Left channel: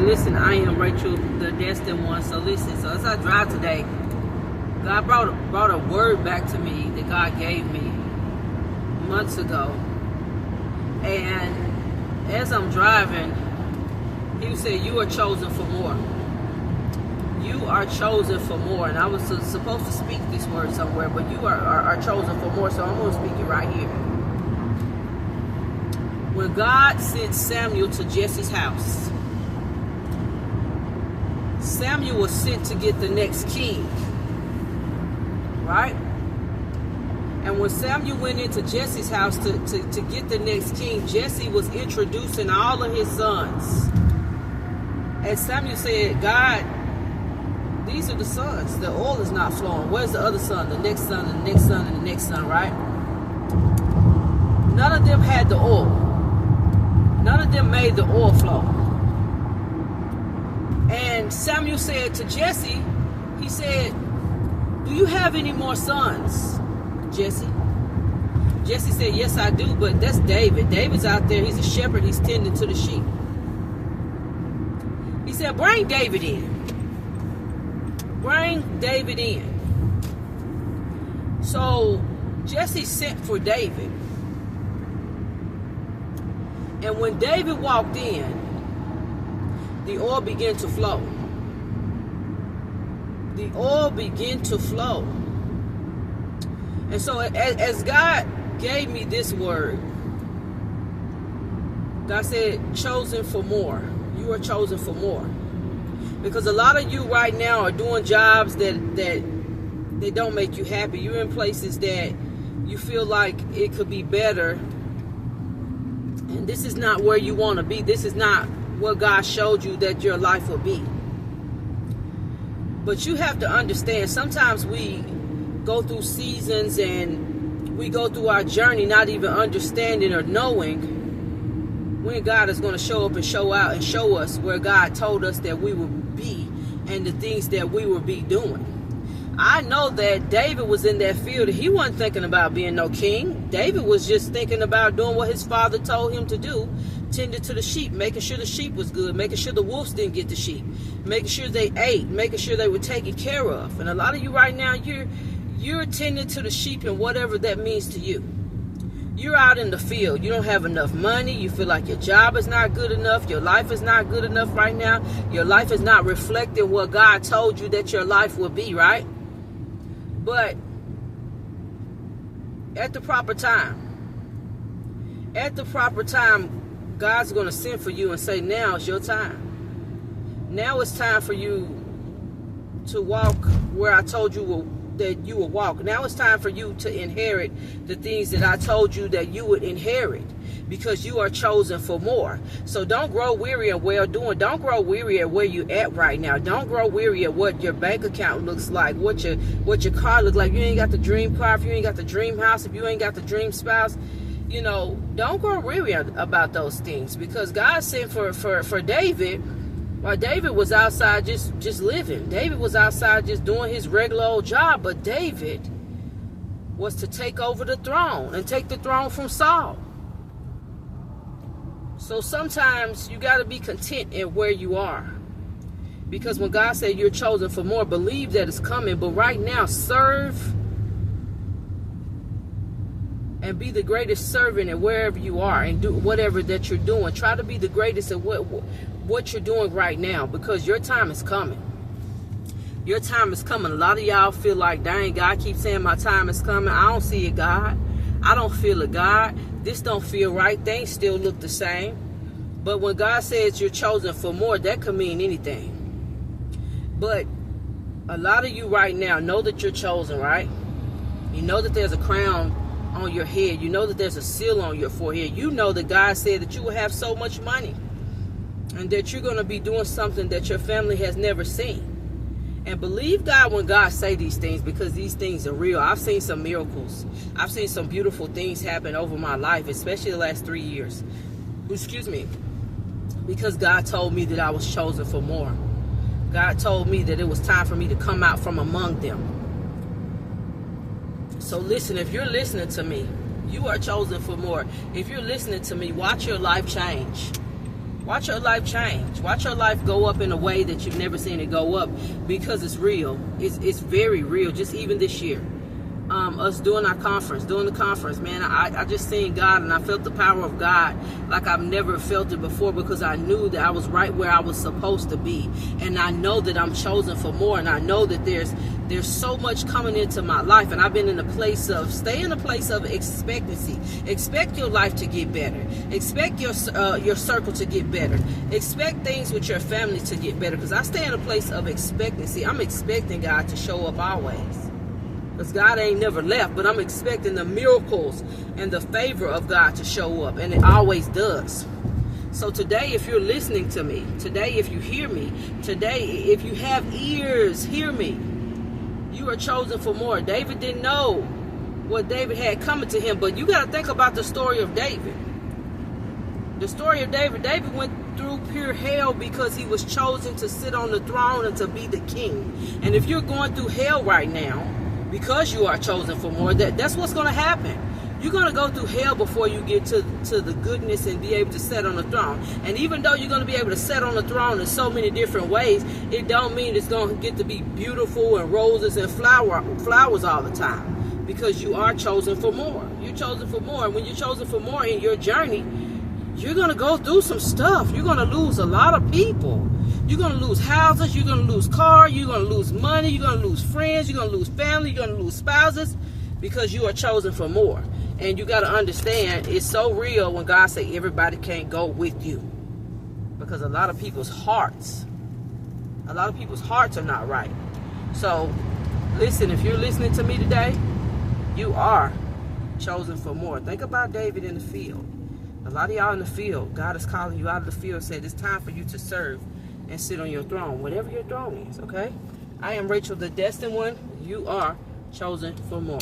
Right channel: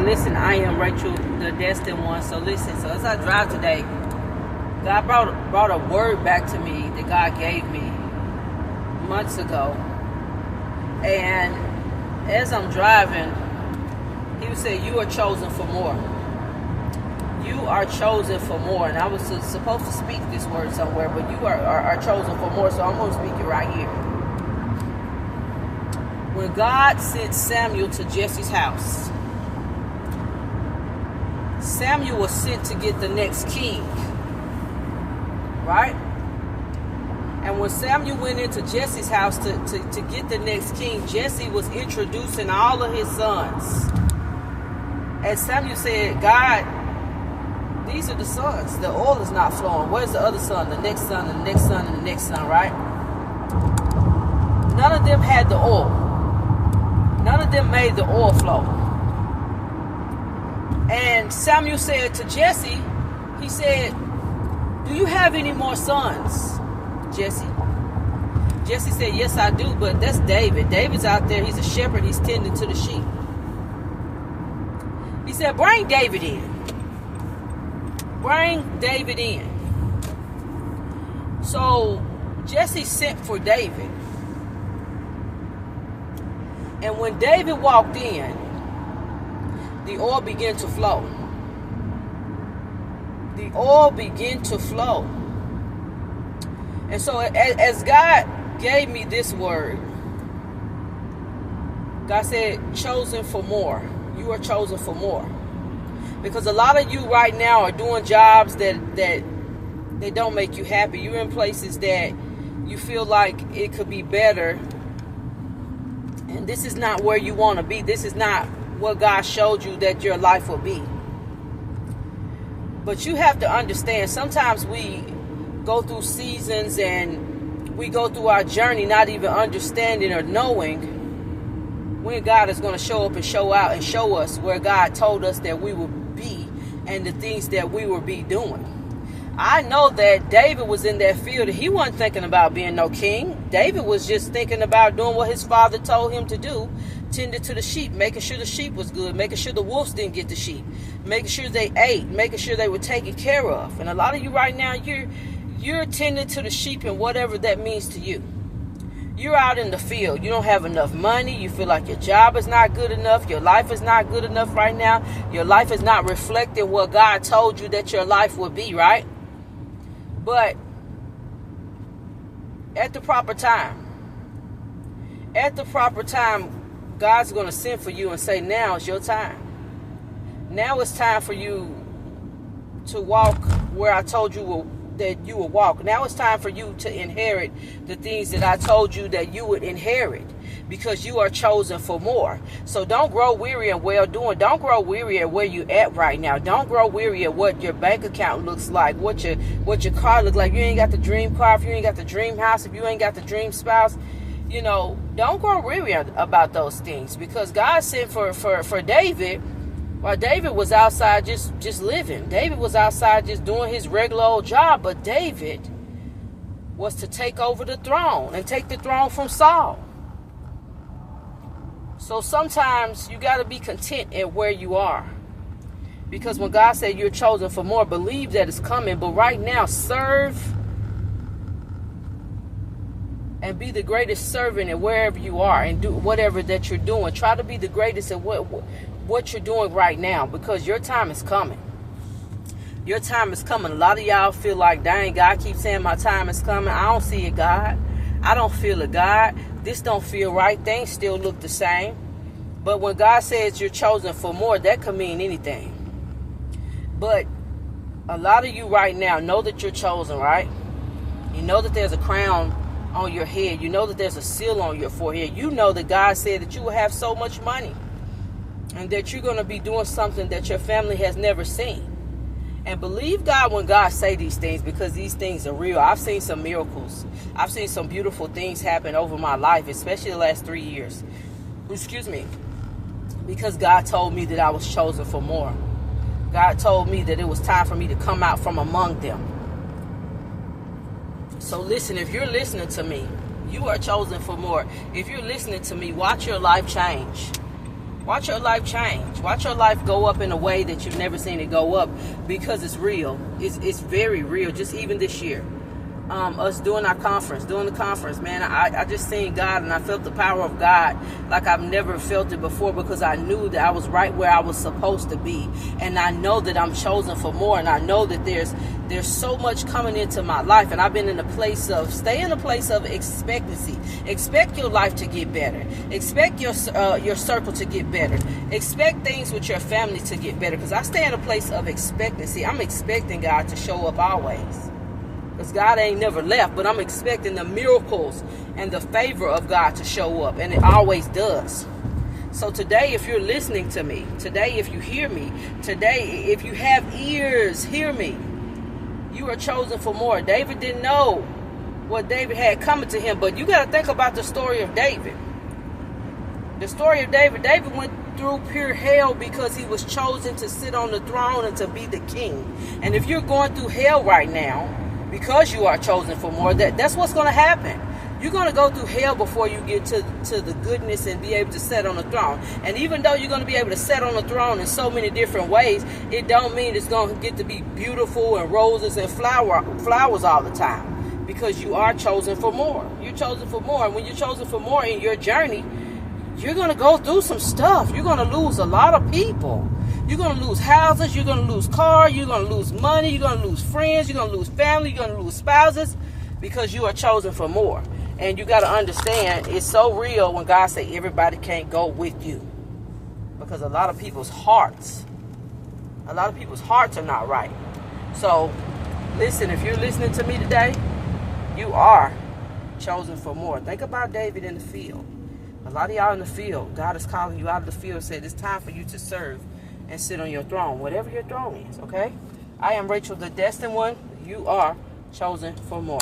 listen, I am Rachel, the destined one. So listen, so as I drive today, God brought a word back to me that God gave me months ago. And as I'm driving, He said, you are chosen for more. You are chosen for more. And I was supposed to speak this word somewhere, but you are chosen for more. So I'm going to speak it right here. When God sent Samuel to Jesse's house, Samuel was sent to get the next king. Right? And when Samuel went into Jesse's house to get the next king, Jesse was introducing all of his sons. And Samuel said, God, these are the sons. The oil is not flowing. Where's the other son? The next son, and the next son, and the next son, right? None of them had the oil. None of them made the oil flow. And Samuel said to Jesse, he said, do you have any more sons, Jesse? Jesse said, yes, I do, but that's David. David's out there. He's a shepherd. He's tending to the sheep. He said, bring David in. Bring David in. So Jesse sent for David. And when David walked in, the oil began to flow. The oil began to flow. And so as God gave me this word, God said, chosen for more. You are chosen for more. Because a lot of you right now are doing jobs that they don't make you happy. You're in places that you feel like it could be better. And this is not where you want to be. This is not what God showed you that your life will be. But you have to understand, sometimes we go through seasons and we go through our journey not even understanding or knowing when God is going to show up and show out and show us where God told us that we will be and the things that we will be doing. I know that David was in that field. He wasn't thinking about being no king. David was just thinking about doing what his father told him to do, tending to the sheep, making sure the sheep was good, making sure the wolves didn't get the sheep, making sure they ate, making sure they were taken care of. And a lot of you right now, you're tending to the sheep and whatever that means to you. You're out in the field. You don't have enough money. You feel like your job is not good enough. Your life is not good enough right now. Your life is not reflecting what God told you that your life would be, right? But at the proper time, God's going to send for you and say, now is your time. Now it's time for you to walk where I told you that you will walk. Now it's time for you to inherit the things that I told you that you would inherit, because you are chosen for more. So don't grow weary in well doing. Don't grow weary at where you at right now. Don't grow weary at what your bank account looks like, what your car looks like. You ain't got the dream car, if you ain't got the dream house, if you ain't got the dream spouse, don't grow weary about those things, because God sent for David. While David was outside just living. David was outside just doing his regular old job. But David was to take over the throne and take the throne from Saul. So sometimes you got to be content in where you are. Because when God said you're chosen for more, believe that it's coming. But right now, serve and be the greatest servant in wherever you are and do whatever that you're doing. Try to be the greatest at what you're doing right now, because your time is coming. Your time is coming. A lot of y'all feel like, dang, God keeps saying my time is coming. I don't see it, God. I don't feel it, God. This don't feel right. Things still look the same. But when God says you're chosen for more, that could mean anything. But a lot of you right now know that you're chosen, right? You know that there's a crown on your head. You know that there's a seal on your forehead. You know that God said that you will have so much money, and that you're going to be doing something that your family has never seen. And believe God when God say these things, because these things are real. I've seen some miracles. I've seen some beautiful things happen over my life, especially the last 3 years. Excuse me. Because God told me that I was chosen for more. God told me that it was time for me to come out from among them. So listen, if you're listening to me, you are chosen for more. If you're listening to me, watch your life change. Watch your life change. Watch your life go up in a way that you've never seen it go up, because it's real. It's very real. Just even this year. Us doing the conference, man, I just seen God, and I felt the power of God like I've never felt it before, because I knew that I was right where I was supposed to be, and I know that I'm chosen for more, and I know that there's so much coming into my life, and I've been in a place of, stay in a place of expectancy. Expect your life to get better. Expect your circle to get better. Expect things with your family to get better, because I stay in a place of expectancy. I'm expecting God to show up always. Because God ain't never left, but I'm expecting the miracles and the favor of God to show up, and it always does. So today, if you're listening to me, today, if you hear me, today, if you have ears, hear me. You are chosen for more. David didn't know what David had coming to him, but you got to think about the story of David. The story of David. David went through pure hell because he was chosen to sit on the throne and to be the king. And if you're going through hell right now, because you are chosen for more, that's what's going to happen. You're going to go through hell before you get to the goodness and be able to sit on the throne. And even though you're going to be able to sit on the throne in so many different ways, it don't mean it's going to get to be beautiful and roses and flowers all the time. Because you are chosen for more. You're chosen for more. And when you're chosen for more in your journey, you're going to go through some stuff. You're going to lose a lot of people. You're going to lose houses, you're going to lose cars, you're going to lose money, you're going to lose friends, you're going to lose family, you're going to lose spouses, because you are chosen for more. And you got to understand, it's so real when God say everybody can't go with you. Because a lot of people's hearts are not right. So, listen, if you're listening to me today, you are chosen for more. Think about David in the field. A lot of y'all in the field, God is calling you out of the field, said it's time for you to serve and sit on your throne, whatever your throne is, okay? I am Rachel, the Destined One. You are chosen for more.